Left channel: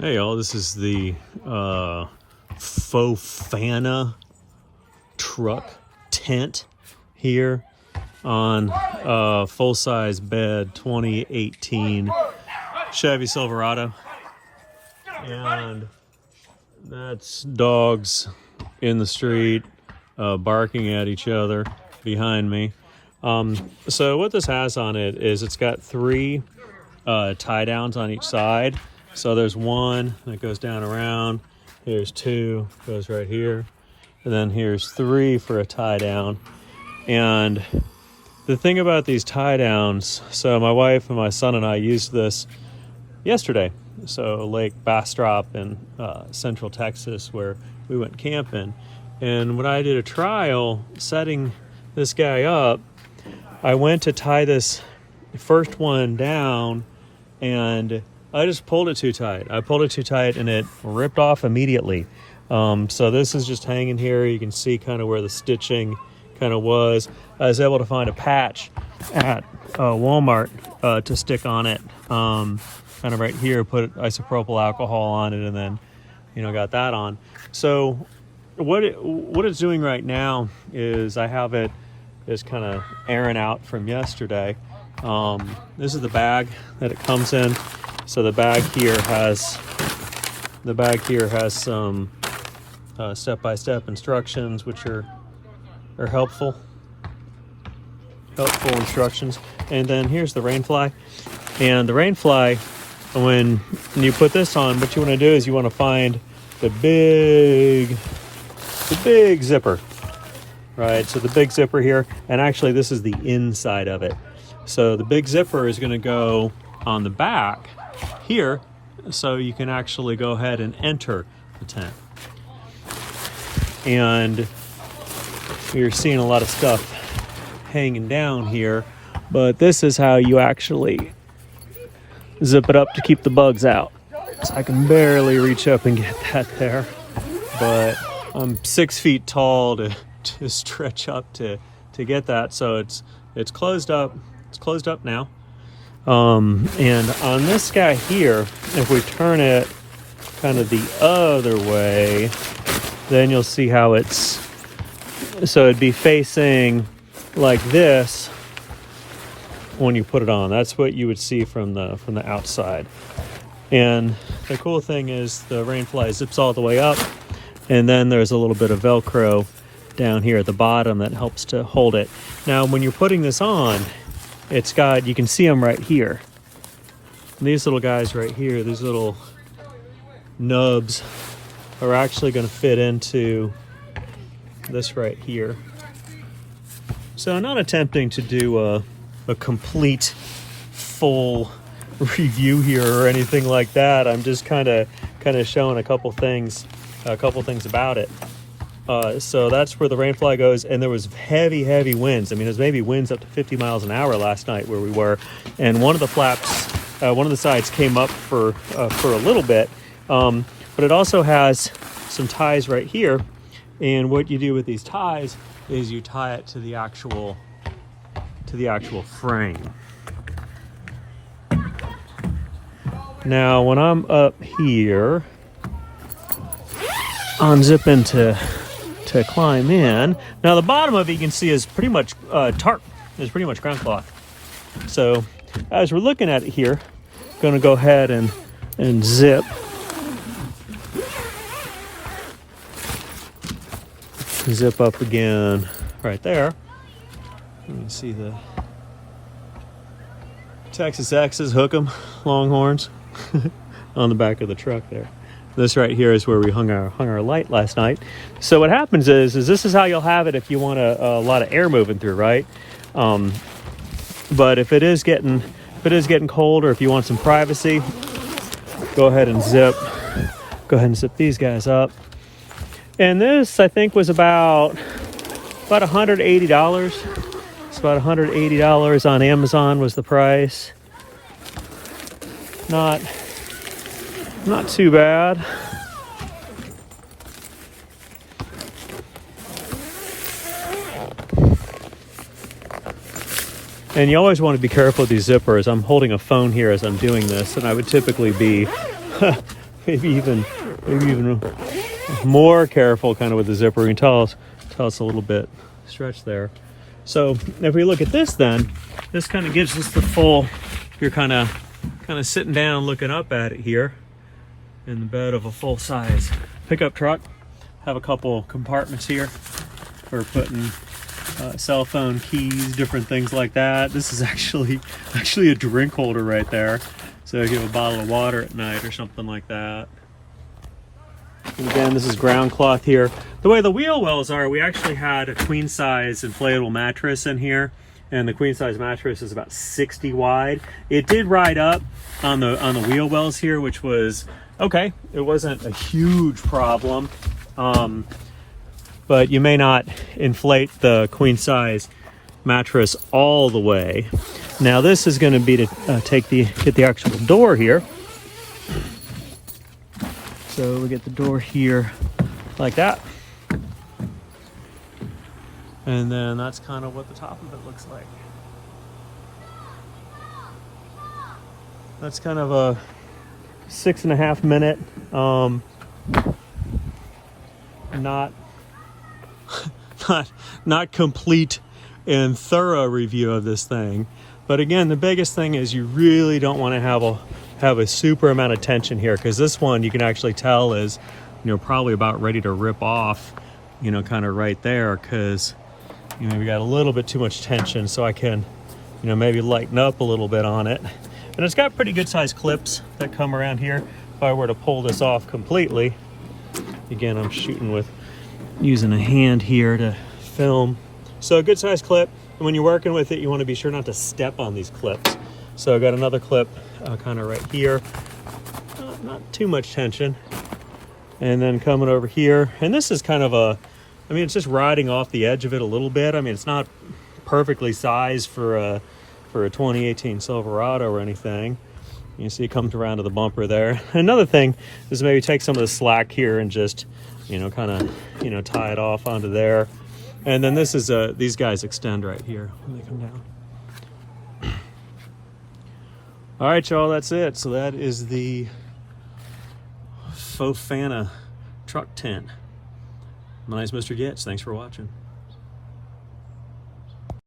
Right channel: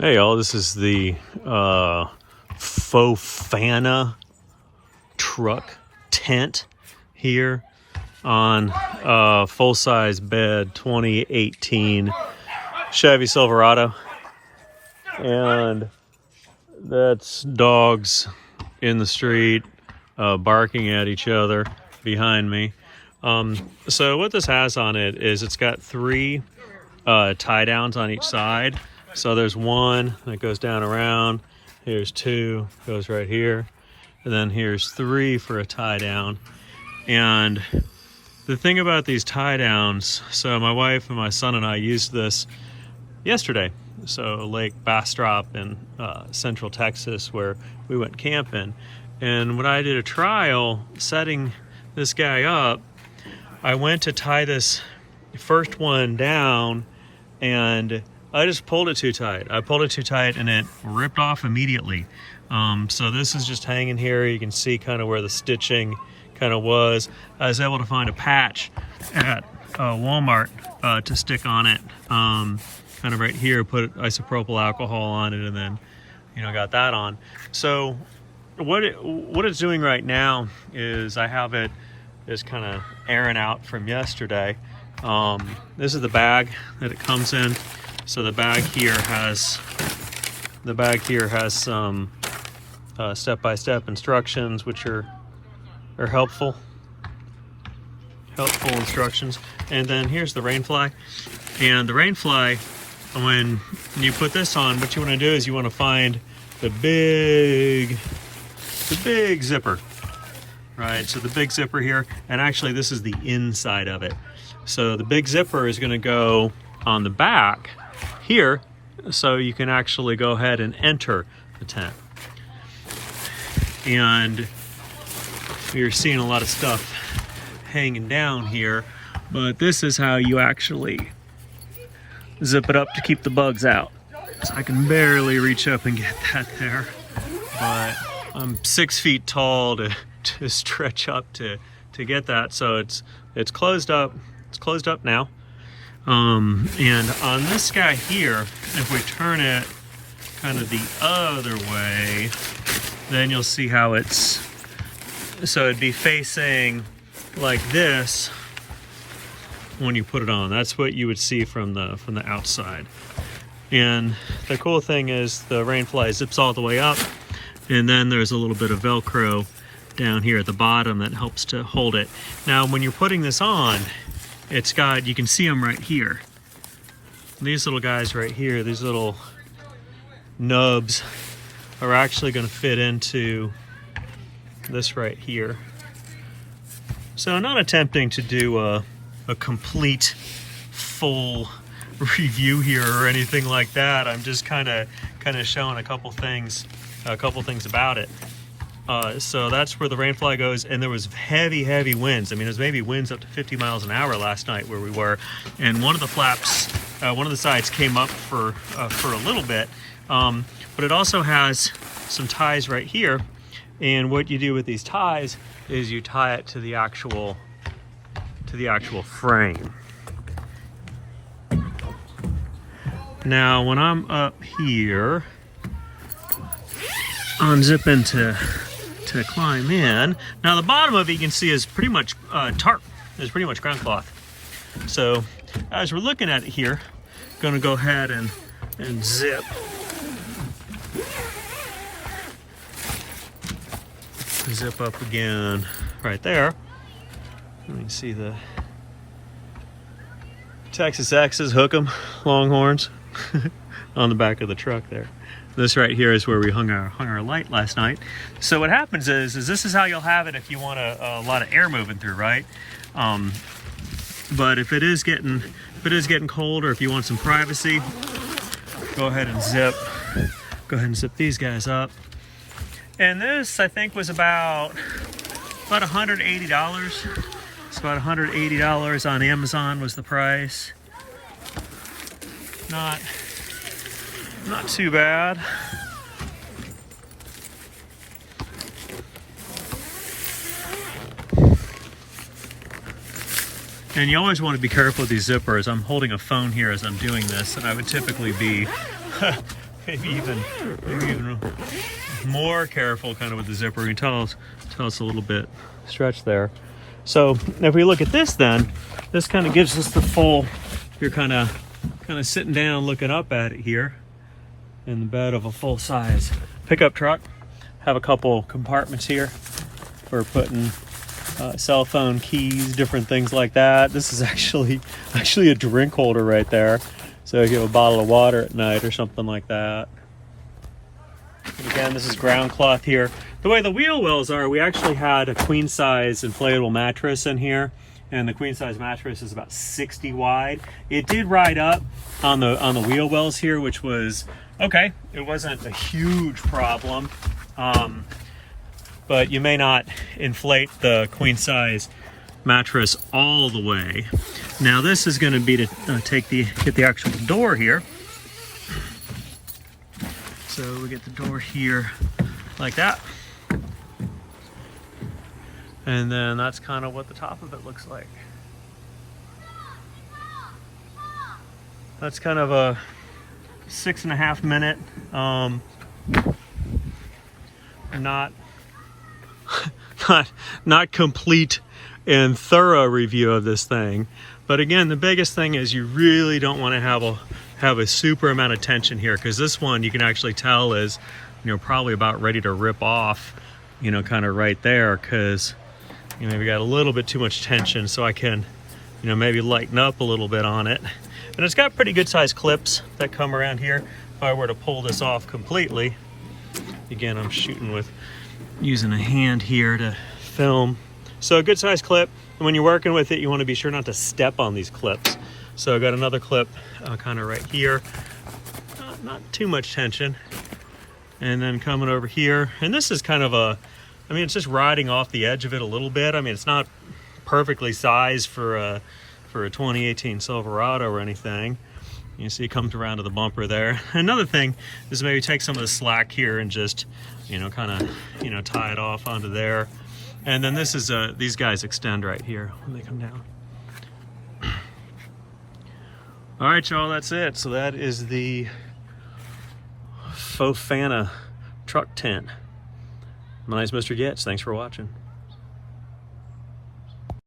Hey y'all, this is the Fofana truck tent here on full-size bed 2018 Chevy Silverado, and that's dogs in the street barking at each other behind me. So what this has on it is it's got three tie downs on each side. So there's one that goes down around, here's two, goes right here, and then here's three for a tie down. And the thing about these tie downs, so my wife and my son and I used this yesterday. So Lake Bastrop in Central Texas, where we went camping. And when I did a trial setting this guy up, I went to tie this first one down and I just pulled it too tight. I pulled it too tight and it ripped off immediately. So this is just hanging here. You can see kind of where the stitching kind of was. I was able to find a patch at Walmart to stick on it. Kind of right here, put isopropyl alcohol on it, and then, got that on. So what it's doing right now is I have it is kind of airing out from yesterday. This is the bag that it comes in. So the bag here has some step-by-step instructions, which are helpful instructions. And then here's the Rainfly. And the Rainfly, when you put this on, what you want to do is you want to find the big zipper, right? So the big zipper here, and actually this is the inside of it. So the big zipper is going to go on the back here, so you can actually go ahead and enter the tent. And you're seeing a lot of stuff hanging down here, but this is how you actually zip it up to keep the bugs out. So I can barely reach up and get that there, but I'm 6 feet tall to stretch up to get that. So it's closed up. It's closed up now. And on this guy here, if we turn it kind of the other way, then you'll see how so it'd be facing like this when you put it on. That's what you would see from the outside. And the cool thing is the Rainfly zips all the way up, and then there's a little bit of Velcro down here at the bottom that helps to hold it. Now, when you're putting this on, you can see them right here. These little guys right here, these little nubs are actually going to fit into this right here. So I'm not attempting to do a complete full review here or anything like that. I'm just kind of showing a couple things about it. So that's where the Rainfly goes, and there was heavy winds. I mean, it was maybe winds up to 50 miles an hour last night where we were, and one of the flaps, one of the sides came up for a little bit, but it also has some ties right here, and what you do with these ties is you tie it to the actual frame. Now, when I'm up here, unzipping to climb in. Now the bottom of it you can see is pretty much tarp. It's pretty much ground cloth. So as we're looking at it here, I'm gonna go ahead and zip. Zip up again right there. Let me see the Texas X's, hook 'em, Longhorns on the back of the truck there. This right here is where we hung our light last night. So what happens is this is how you'll have it if you want a lot of air moving through, right? But if it is getting cold, or if you want some privacy, go ahead and zip these guys up. And this, I think, was about $180. It's about $180 on Amazon was the price. Not too bad. And you always want to be careful with these zippers. I'm holding a phone here as I'm doing this, and I would typically be maybe even more careful kind of with the zipper. You can tell it's a little bit stretched there. So if we look at this, then this kind of gives us the full, you're kind of sitting down looking up at it here in the bed of a full-size pickup truck. Have a couple compartments here for putting cell phone keys, different things like that. This is actually a drink holder right there. So if you have a bottle of water at night or something like that. And again, this is ground cloth here. The way the wheel wells are, we actually had a queen size inflatable mattress in here, and the queen size mattress is about 60 wide. It did ride up on the wheel wells here, which was okay. It wasn't a huge problem, but you may not inflate the queen size mattress all the way. Now this is going to be to get the actual door here. So we get the door here like that. And then that's kind of what the top of it looks like. That's kind of a 6.5 minute, not complete and thorough review of this thing. But again, the biggest thing is you really don't want to have a super amount of tension here, because this one you can actually tell is, you know, probably about ready to rip off, you know, kind of right there, because, you know, we got a little bit too much tension. So I can, you know, maybe lighten up a little bit on it. And it's got pretty good sized clips that come around here. If I were to pull this off completely, again, I'm shooting using a hand here to film. So a good sized clip. And when you're working with it, you want to be sure not to step on these clips. So I got another clip kind of right here. Not too much tension. And then coming over here. And this is kind of I mean, it's just riding off the edge of it a little bit. I mean, it's not perfectly sized for a 2018 Silverado or anything. You see it comes around to the bumper there. Another thing is maybe take some of the slack here and just, you know, kind of, you know, tie it off onto there. And then this is these guys extend right here when they come down. All right, y'all, that's it. So that is the Fofana truck tent. My name's Mr. Getz. Thanks for watching.